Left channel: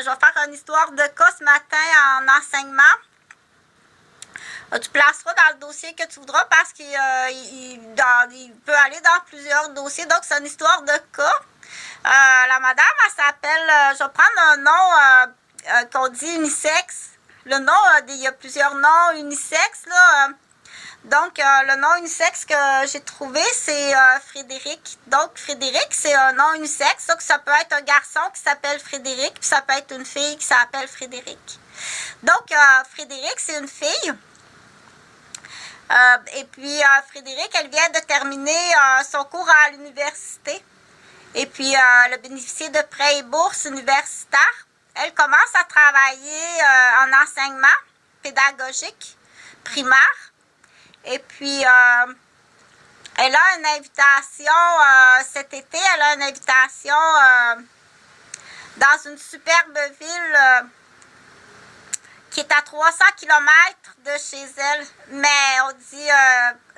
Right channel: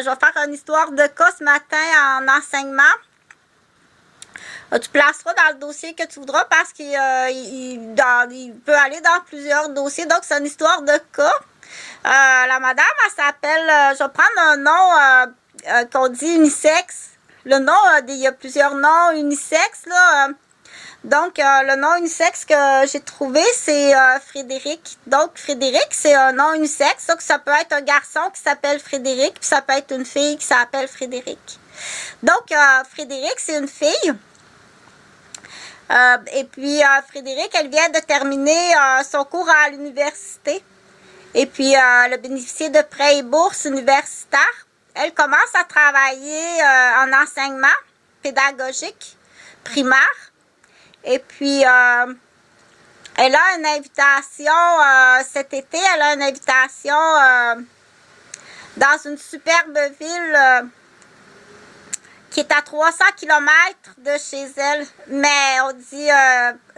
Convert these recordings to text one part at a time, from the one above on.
je vais faire une histoire de cas ce matin en enseignement. Tu placeras dans le dossier que tu voudras parce qu'il il peut aller dans plusieurs dossiers. Donc, c'est une histoire de cas. La madame, elle s'appelle, je vais prendre un nom qu'on dit unisexe. Le nom, il y a plusieurs noms unisexes, là. Donc, le nom unisexe que j'ai trouvé, c'est Frédéric. Donc, Frédéric, c'est un nom unisexe. Donc, ça peut être un garçon qui s'appelle Frédéric, puis ça peut être une fille qui s'appelle Frédéric. Donc, Frédéric, c'est une fille. Et puis, Frédéric, elle vient de terminer son cours à l'université. Et puis, elle a bénéficié de prêts et bourses universitaires. Elle commence à travailler en enseignement pédagogique primaire. Et puis, elle a une invitation cet été. Elle a une invitation dans une superbe ville qui est à 300 km de chez elle. Mais on dit,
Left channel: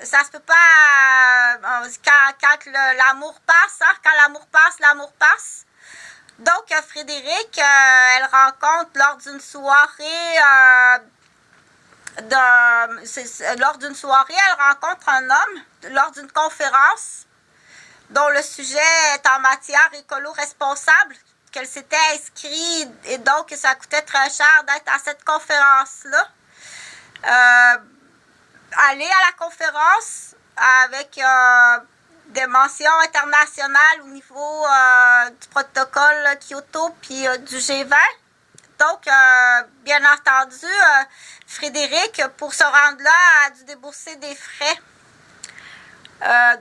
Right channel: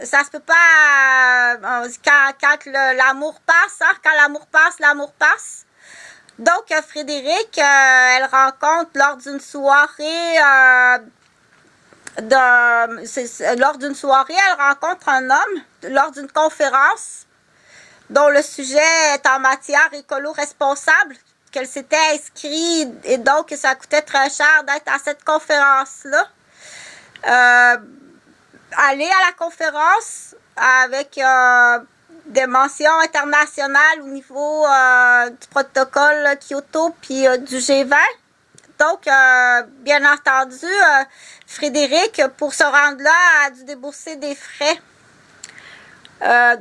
ça se peut pas quand l'amour passe. Hein? Quand l'amour passe, l'amour passe. Donc, Frédéric, elle rencontre lors d'une soirée... lors d'une soirée, elle rencontre un homme lors d'une conférence dont le sujet est en matière écolo-responsable, qu'elle s'était inscrite et donc ça coûtait très cher d'être à cette conférence-là. Aller à la conférence avec des mentions internationales au niveau du protocole Kyoto puis du G20. Donc, bien entendu, Frédéric, pour se rendre là, a dû débourser des frais.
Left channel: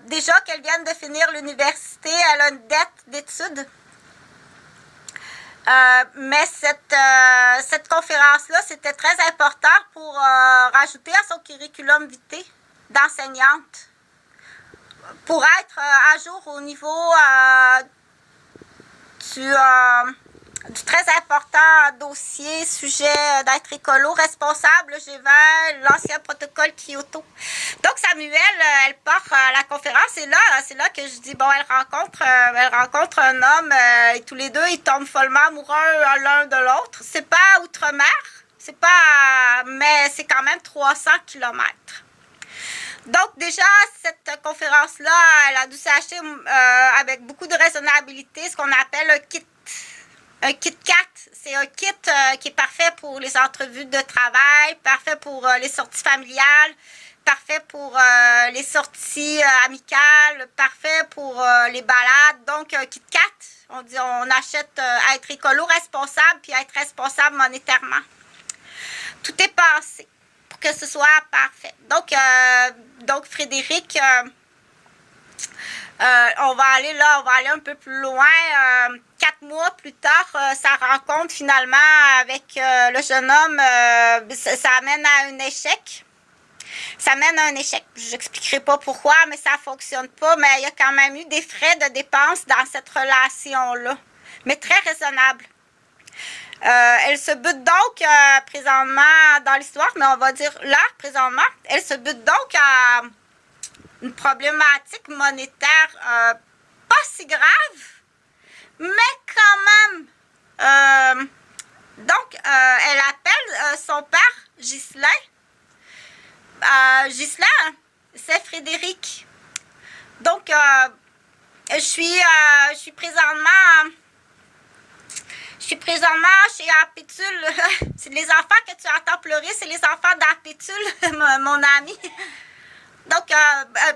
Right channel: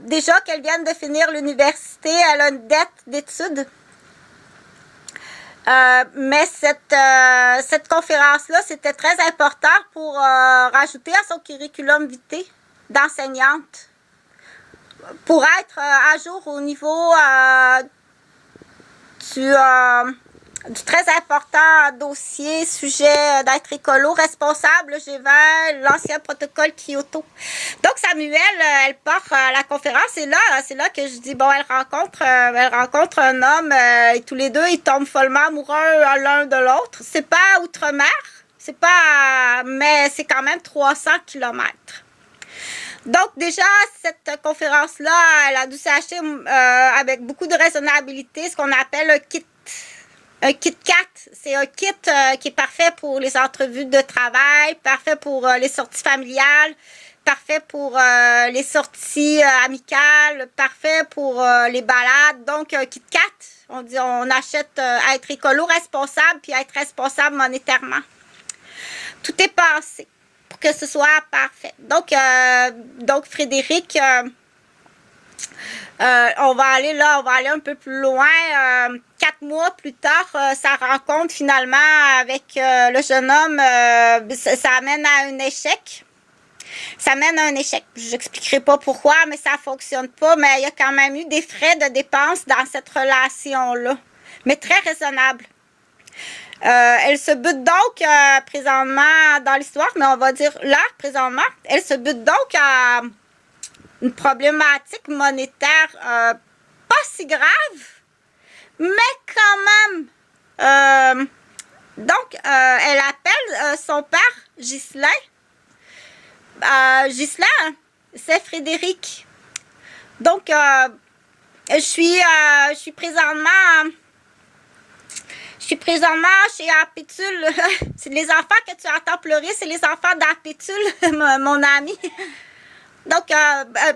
Déjà qu'elle vient de finir l'université, elle a une dette d'études. Mais cette conférence-là, c'était très important pour rajouter à son curriculum vitae d'enseignante. Pour être à jour au niveau du très important dossier, sujet d'être écolo, responsable, G20, l'ancien protocole Kyoto. Donc, Samuel, elle part à la conférence et là, c'est là que je dis, bon, elle rencontre un homme et tous les deux, ils tombent follement amoureux l'un de l'autre. C'est pas outre-mer, mais c'est quand même 300 kilomètres. Donc, déjà, cette conférence-là, elle a dû s'acheter avec beaucoup de raisonnabilité, ce qu'on appelle un kit 4, c'est un kit qui est parfait pour les entrevues de travail, parfait pour les sorties familiales, parfait pour les sorties amicales, parfait pour les balades. Donc, un kit 4, on achète être écolo responsable puis être responsable monétairement. Tout est passé pour que ce soit parfait. Donc Frédéric... on va aller un peu plus loin. 4 mois plus tard, sa rencontre finalement avec le jeune homme, ça amène à un échec. Ça mène à un échec. Je n'expliquerai pas pourquoi, mais ça ne fonctionne pas. Mais il y a quand même eu des frais de dépenses dans cette relation-là, mais très raisonnables. Elle se bute donc présentement dans l'histoire, mais on va dire là, présentement, elle se bute donc à une problématique monétaire pas si grave, mais quand même. Donc, elle appelle son père, Ghislain. Ghislain, c'est Frédéric. Donc, je suis présentement chez Apétule. C'est les enfants que tu entends pleurer, c'est les enfants d'Apétule, mon ami. Donc,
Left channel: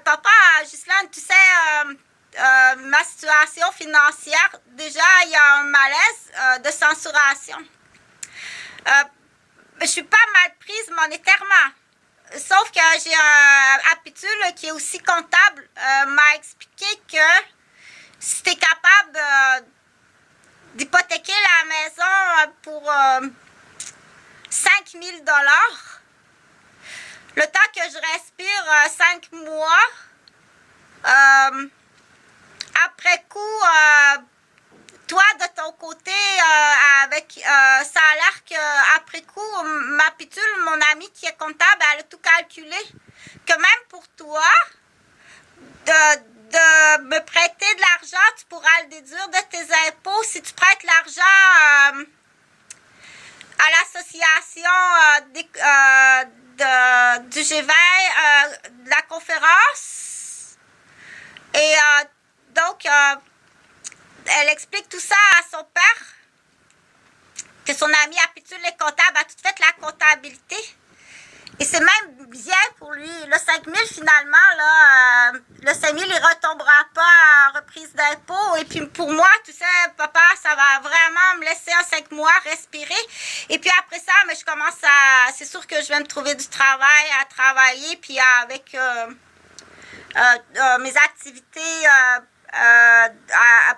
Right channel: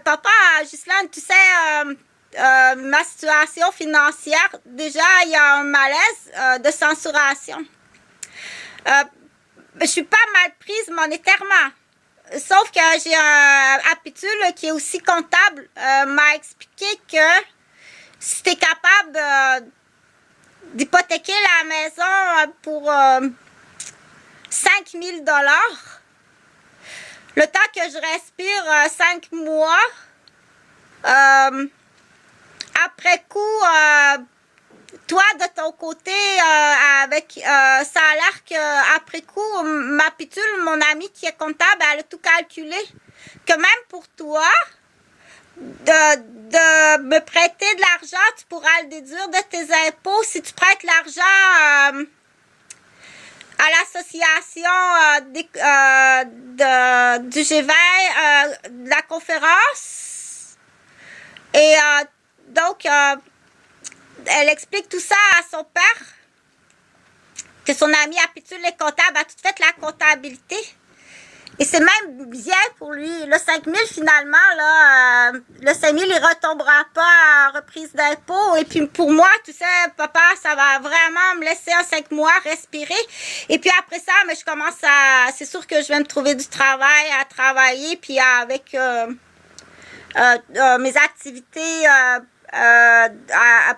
papa, Ghislaine, tu sais, ma situation financière, déjà, il y a un malaise de censuration. Je suis pas mal prise monétairement. Sauf que j'ai un Apétule qui est aussi comptable, m'a expliqué que si tu es capable d'hypothéquer la maison pour 5 000 $, le temps que je respire 5 mois, après coup, toi de ton côté, ça a l'air qu'après coup, ma pitule, mon amie qui est comptable, elle a tout calculé. Que même pour toi, de me prêter de l'argent, tu pourras le déduire de tes impôts si tu prêtes l'argent négociation du G20, de la conférence. Et donc, elle explique tout ça à son père, que son ami habitude les comptables a tout fait la comptabilité. Et c'est même bien pour lui. Le 5 000, finalement, là, le 5 000, il retombera pas en reprise d'impôt. Et puis, pour moi, tu sais, papa, ça va vraiment me laisser en 5 mois respirer. Et puis, après ça, mais je commence c'est sûr que je vais me trouver du travail à travailler. Puis, avec mes activités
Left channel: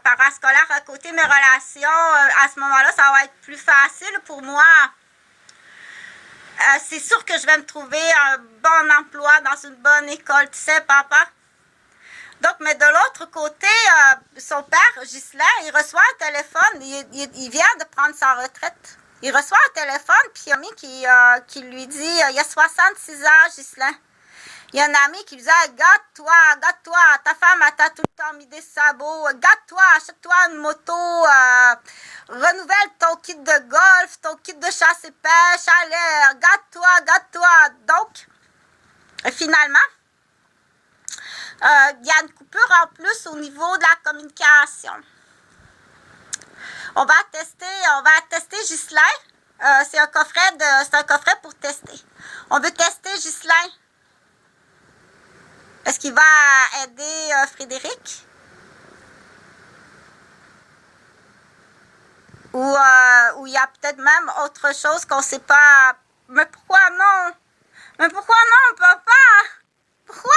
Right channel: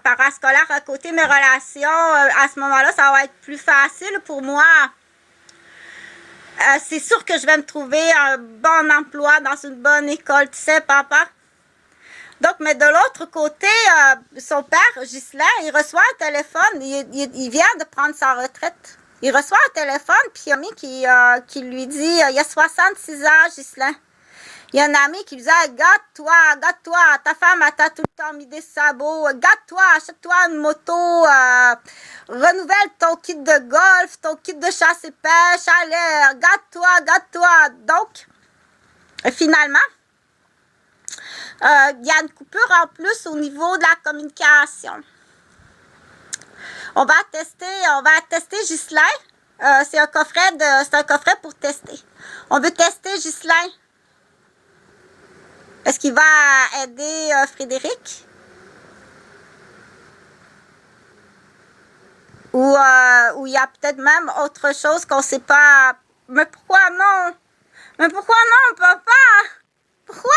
parascolaires à côté, mes relations, à ce moment-là, ça va être plus facile pour moi. C'est sûr que je vais me trouver un bon emploi dans une bonne école, tu sais, papa. Donc, mais de l'autre côté, son père, Ghislain, il reçoit un téléphone, il vient de prendre sa retraite. Il reçoit un téléphone, puis il y a un ami qui lui dit, il y a 66 ans, Ghislain. Il y a un ami qui lui dit, garde-toi, ta femme t'a tout le temps mis des sabots, garde-toi, achète-toi une moto, renouvelle ton kit de golf, ton kit de chasse et pêche, allez, garde-toi. Donc, finalement, il y a une coupure en plus au niveau de la communication. On va tester Ghislain. C'est un coffret pour tester. On veut tester Ghislain. Est-ce qu'il va aider Frédéric? Ou il y a peut-être même autre chose qu'on ne sait pas. Mais pourquoi non? Papa? Pourquoi?